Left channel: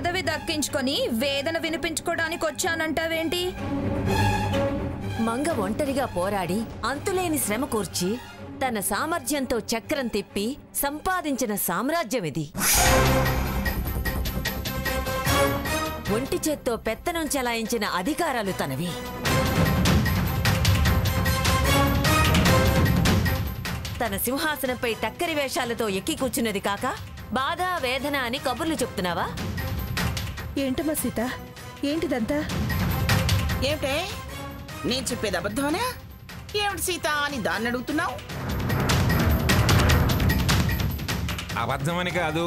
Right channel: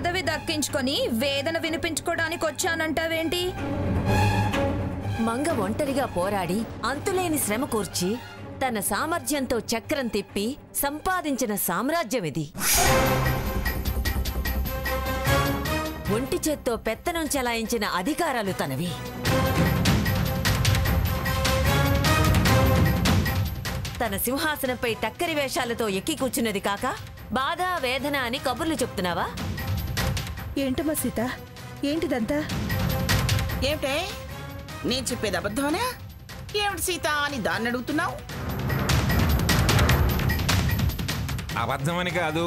పదవి దక్కించుకొని వేదన వినిపించుకోవడానికి వచ్చానంటావేంటి? మంగ ఒంటరిగా పోరాడి అంతులేని శ్రమ కూర్చి తన సామర్థ్యంతో చక్రం తిప్పి సంపాదించిన సామ్రాజ్యం ఇది. ఒంటి చేత్తో పెత్తనం చెలాయించిన అధికారాలు తనవి. తన సింహాసనంపై టక్కరి వేషాలతో ఎక్కి కూర్చున్నది కాక బాధ వేదన అని కబుర్లు చెప్తున్నావా? ఏంటమ్మా సీత, ఏంటిదంతా? ఏమిటే నేను చెప్పేది అబద్ధమనా? ఏమిటి సీత అని దాన్ని అడుగుతున్నావు? అబద్ధమని కాదు,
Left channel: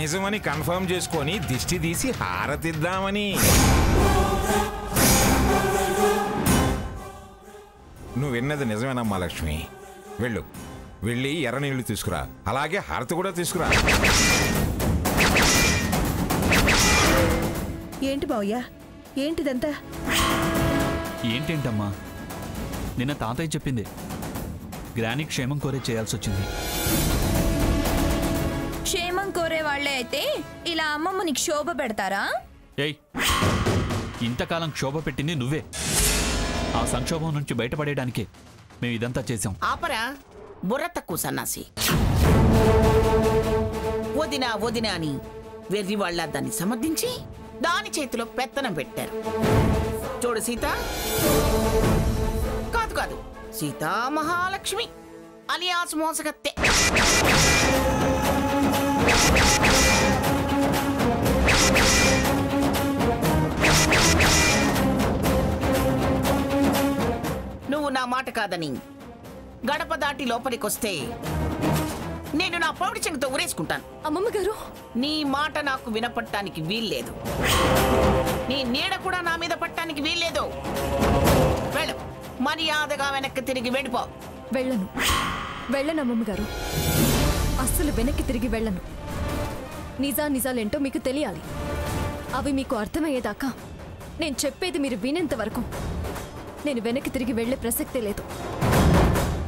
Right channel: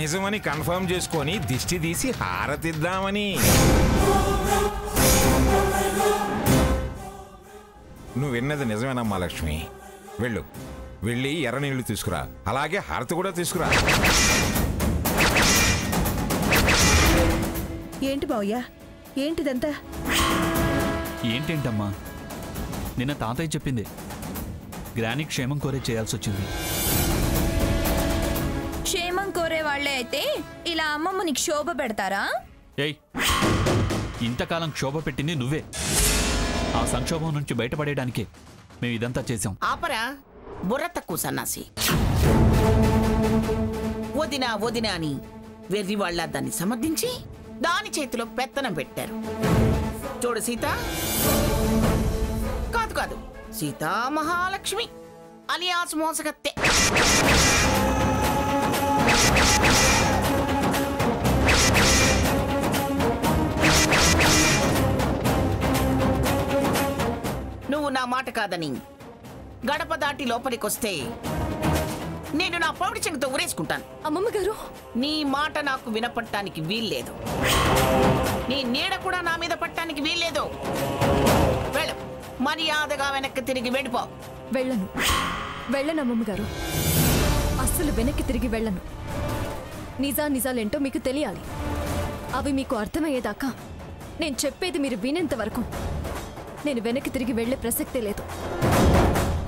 నిజమని కన్ఫర్మ్ చేసుకొని దిష్టి తీసి హారతిద్దామని. నువ్వు విన్నది నిజమేనమ్మా లక్ష్మి. వెళ్ళి ఎర్ర నీళ్లు తీసుకురా, అలాగే హారతి కూడా తీసుకురా. ఏంటి బావయ్య, ఏంటిదంతా? ఏంటేంటమ్మా, నిన్న తాతయ్య చెప్పింది గ్రాని క్షేమం కోరే చేయాల్సి వచ్చింది. క్షేమం కోరే వాళ్లే అయితే ఇలా అమ్మమ్మని క్షోభ పెడతారా? ఏయ్, ఇంతకాలం క్షోభ పెట్టింది నువ్వే. ఆ సంక్షోభం నుంచి బయటపడేయడానికే మేము ఇదంతా చేశాం. ఆపరా బుర్ర తక్కువ సన్నాసి. వదినా వదినా అని వెర్రి వాళ్ళ దాన్ని సమర్థించి దాని చేతిలో పెత్తనం పెట్టారు. చూడు సీత, కాదు సీతా మహాలక్ష్మి అలియాస్ మోసగత్తె. నువ్వు నా మాట కాదని గడప దాటి లోపలికొస్తే నేను నా పౌడి చెంగుతో ఉరేసుకుంటాను. అమ్మమ్మ గారు, నీ మాట నాకు వినపడటానికి వీల్లేదు. నీ నీడ కూడా నా మీద పట్టడానికి వీల్లేదు. వెళ్ళు, మర్యాదగా వెనక్కి తిరిగి వెళ్ళిపో. వెళ్ళను అమ్మమ్మ గారు, అస్సలు వెనక్కి తిరిగి వెళ్ళను. నిజాలేంటో మీకు తెలియాలి. అవి మీకు అర్థమయ్యేదాకా నేను చెప్పేది మీరు వినేంత వరకు నేను వెనక్కి తిరిగి వెళ్లే ప్రసక్తే లేదు.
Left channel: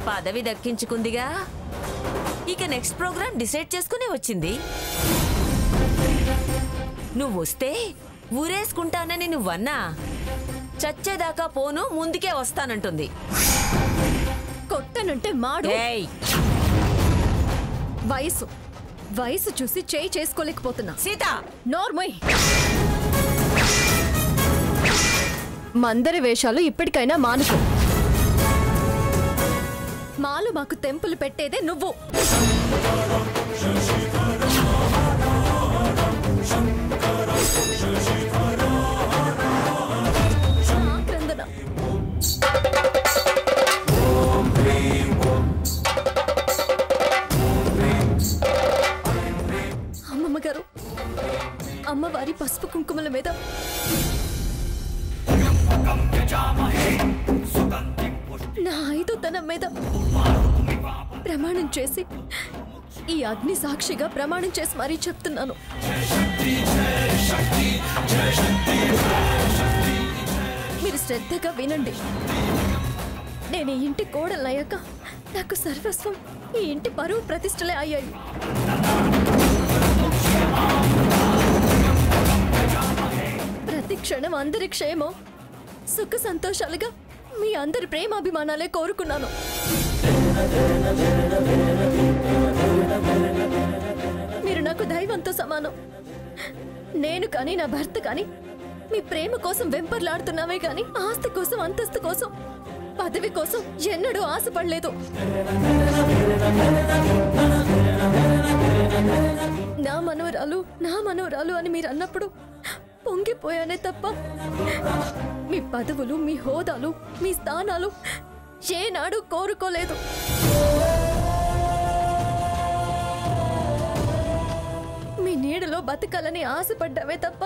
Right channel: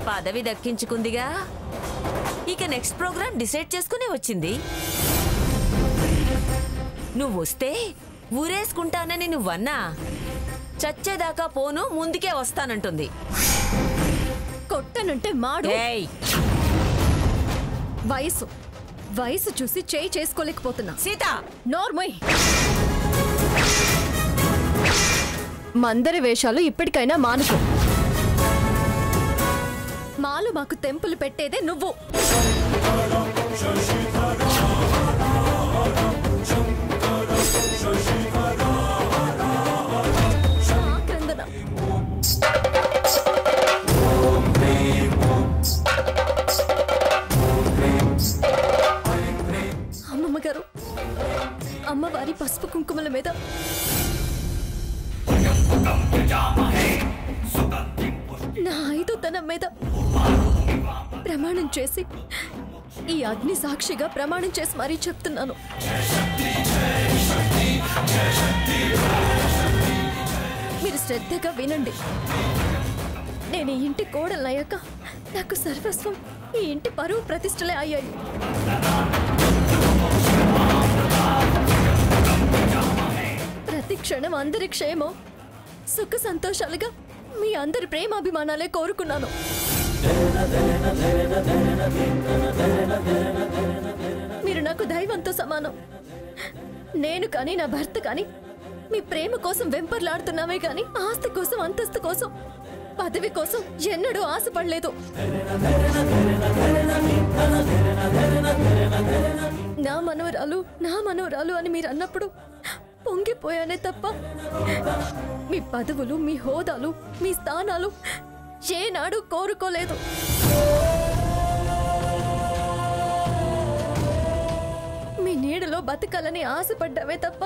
పదవి దక్కించుకుందిగా, ఇక నెక్స్ట్ ప్రోగ్రామ్ డిసైడ్ చేసుకునే వచ్చింది. నువ్వు వస్తే ఊరేసుకుంటానని నువ్వన్నా చచ్చేదాకా పోను, ముందుకే వస్తానంటుంది. కొట్టనంటే మాడు. వయసు చూసి చేయి చేసుకోలేకపోతున్నా. సీత, నోర్మై. మందరి వేషాలు ఇప్పటికైనా మానుకో. మాలు మాకు తెంపులు పెట్టేదే నువ్వు. ఆక్రందన. అమ్మమ్మ గారు, అమ్మవారి పసుపు కుంకుమల మీద నా ఐదోతనం మీద ప్రమాణం చేసి, ఈ అగ్ని సాక్షిగా ప్రమాణం చేసి మరీ చెప్తున్నాను. మీరు శ్రద్ధగా వినండి. నేను ఈ ఇంటి కోడలయ్యాక నాకు సర్వస్వం ఈ ఇంటి పరువు ప్రతిష్టలే అయ్యాయి. ప్రతి క్షణం అందరి క్షేమం సుఖ సంతోషాలుగా మీ అందరి ప్రేమాభిమానాలే కోరుకున్నాను. మీరు నాకు దైవంతో సమానం. నేను కానీ నా భర్త కానీ మీ ప్రేమ కోసం వెంపర్లాడుతున్నామే కానీ ఆస్తి కోసం, అంతస్తు కోసం, పదవి కోసం ఎన్నడూ ఆశపడలేదు. నా మనోరాలు అని మీరు అన్నప్పుడు పొంగిపోయానే తప్ప మీ పదవులు, మీ హోదాలు, మీ స్థానాలు ఏనాడు కోరుకోలేదు. మీ నీడలో బతకాలని ఆశపడ్డావే తప్ప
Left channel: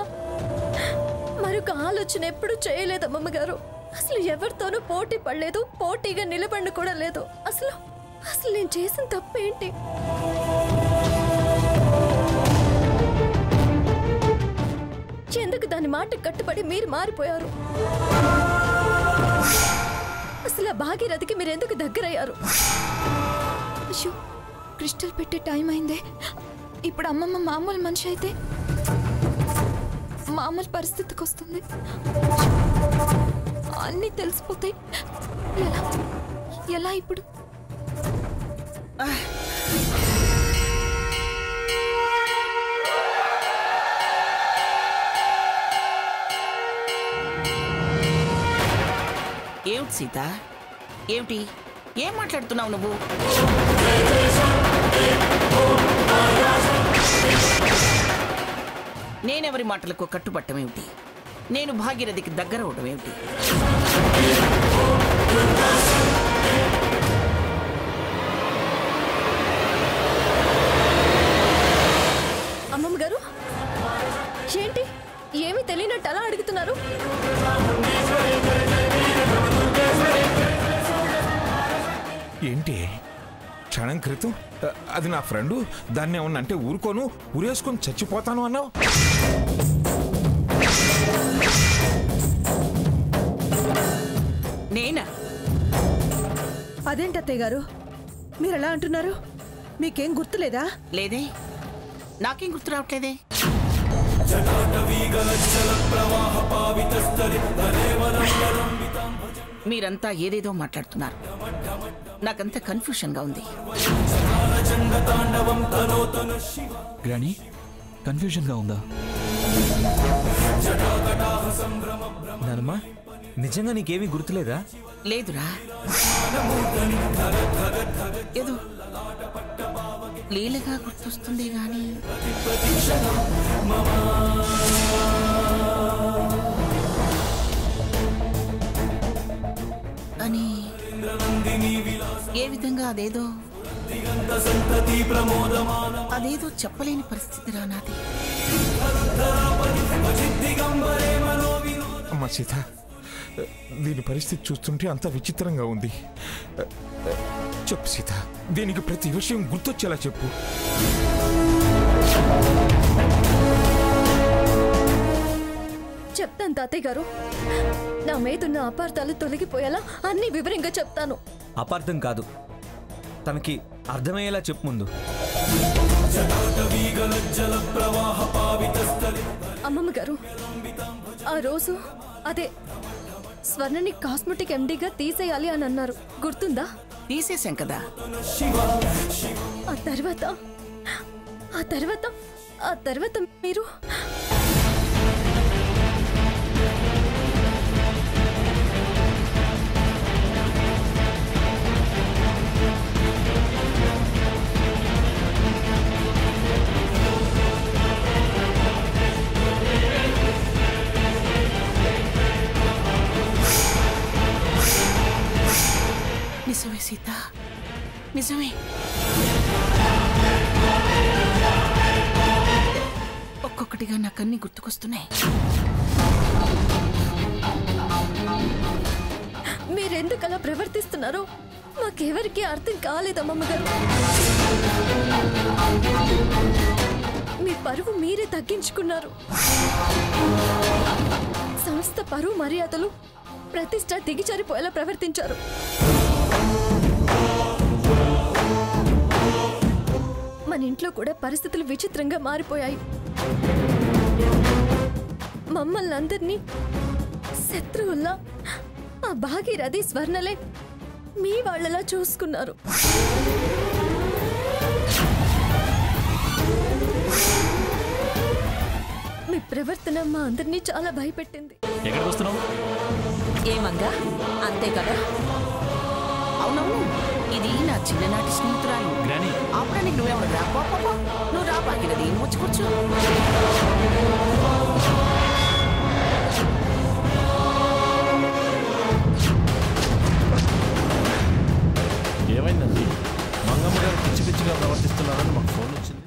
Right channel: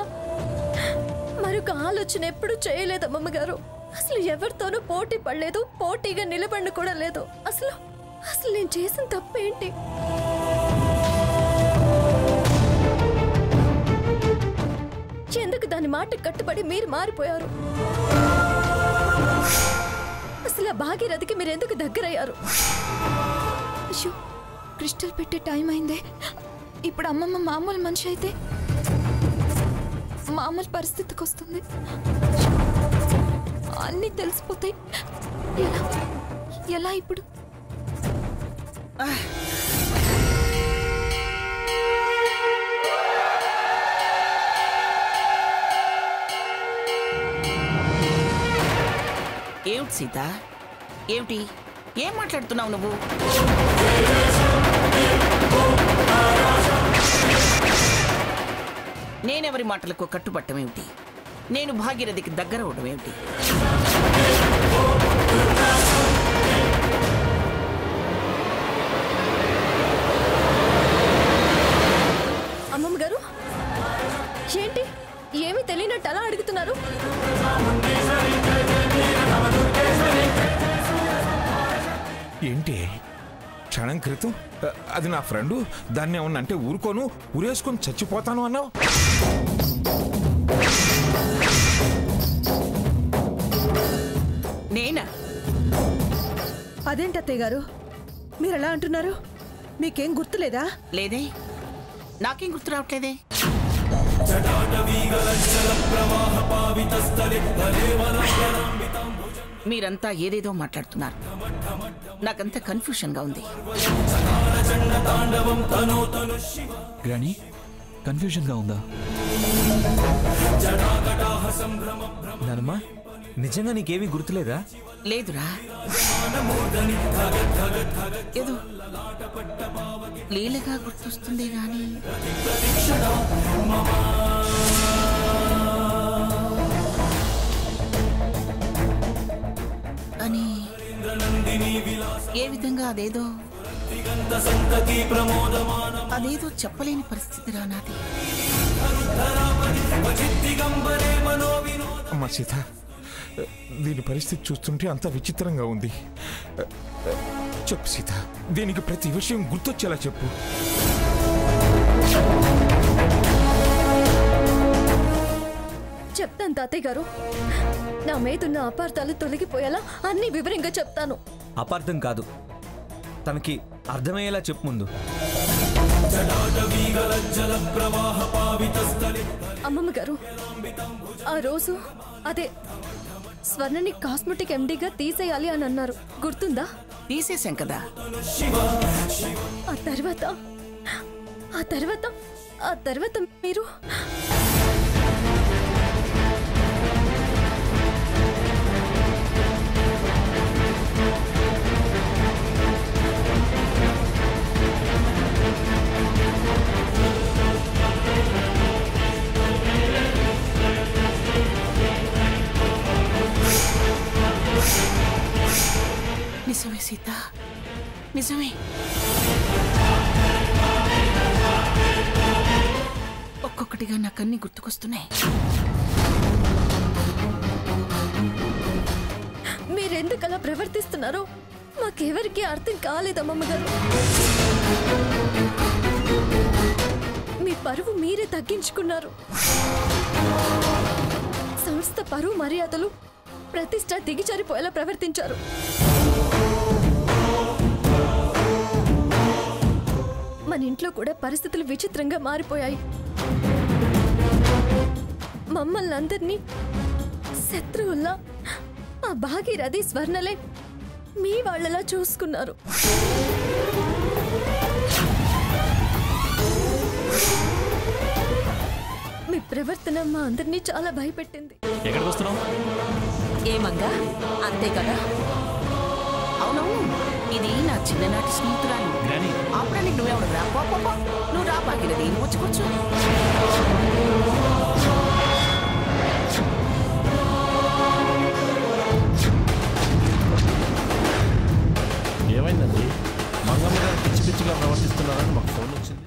మరొక ఆలోచన ఎప్పుడు చేయలేదు అమ్మమ్మ గారు. అసలు ఎవరితోనూ పోటీ పడలేదు, పోటీగా నిలబడి కూడా లేదు. అసలు నేను చేసిన తప్పేంటి? ఎందుకు దాని మాట కట్టుబడి మీరు మారిపోయారు? అసలు ఆ భాగీరథికి మీరు ఎందుకు దగ్గరయ్యారు? అయ్యో, క్రిస్టల్ పెట్టే టైం అయిందే. ఇప్పుడు అమ్మమ్మ మామూలు మనిషి అయితే మామూలు పరిస్థితికి వస్తుంది. అన్నీ తెలిసిపోతాయి. ఎలా ఎలా ఇప్పుడు? ఏమిటి సీత, ఏమిటి, ఏం మాట్లాడుతున్నావు నువ్వు? నేనెవరి మాటలకు కట్టుబట్టమేమిటి? నేను భాగీరథికి దగ్గర అవడం ఏమిటి? అమ్మమ్మ గారు ఏంటి ఏమీ తెలియనట్టు అలా అడుగుతున్నారు? ఏంటి క్షణం క్రితం అది నా ఫ్రెండు, దాన్ని ఏమన్నా అంటే ఊరుకోను, ఊరేసుకొని చచ్చిపోతాను అన్నావు. నేనా? అదేంటి అత్తయ్య గారు మీరు ఎలా అంటున్నారు? మీకేం గుర్తులేదా? లేదే, నాకేం గుర్తు రావట్లేదే. మీరంతా ఏదేదో మాట్లాడుతున్నారు. నాకంతా కన్ఫ్యూషన్గా ఉంది. గ్రాని, కన్ఫ్యూజన్గా ఉందా? నానమ్మా, నిజంగా నీకేమీ గుర్తులేదా? లేదురా, ఏదో లీలగా గుర్తొస్తుంది గాని అని ఏ విధంగా అదేదో చెప్పలేని పరిస్థితి రా నాది. అమ్మా సీత, దీని పరిస్థితి చూస్తుంటే అంత విచిత్రంగా ఉంది. చెప్పు సీత, దీనికి ప్రతి విషయం గుర్తొచ్చేలా చెప్పు. చెప్తాను తాతయ్య గారు. నా మీదున్న అపార్థాలు తొలగిపోయేలా అన్ని వివరంగా చెప్తాను. అపార్థం కాదు, తనకి అర్థమయ్యేలా చెప్పు ముందు. అమ్మమ్మ గారు, ఆ రోజు అదే స్వర్ణని కాస్మెటిక్ ఎండీగా తీసేయాలి అని అన్నారు, గుర్తుందా? తీసేశాం కదా. ఆ తర్వాత మీరు నిజమే సీత, నిజమే. ఒక్కొక్కటిగా నాకన్నీ గుర్తుకొస్తున్నాయి. మీరెందుకు అలా ప్రవర్తిస్తున్నారో మాకెవరికి అర్థం కాలేదమ్మమ్మ గారు. మీ పరువు మీరే తగ్గించుకున్నారు. సంస్థ పరువు మర్యాదలు ప్రతిష్ట దిగిజారిపోయేలా ప్రవర్తించారు. మన ఇంట్లో కూడా పరిస్థితులు విచిత్రంగా మారిపోయాయి. మమ్మల్ని అందరినీ శత్రువుల్లా ఆ భాగీరథి స్వర్ణలే మీ వాళ్ళలా చూసుకున్నారు. మీ ప్రవర్తన మా అందరినీ చాలా భయపెట్టింది. ఎక్కడికి వస్తున్నావు? ఏమంగా అంతే కదా? అవునవును, ఇది నా చిన్ననాటి స్నేహితురాలు గ్రాని. అప్పుడానికి నువ్వెవడు రా? నువ్వు రా భాగీరథి, నువ్వు వచ్చి కూర్చో. ఏమైందండి? మంగమ్మ గారు పిచ్చి పిచ్చిగా ప్రవర్తిస్తున్నారని మాకు ఫోన్ వచ్చింది.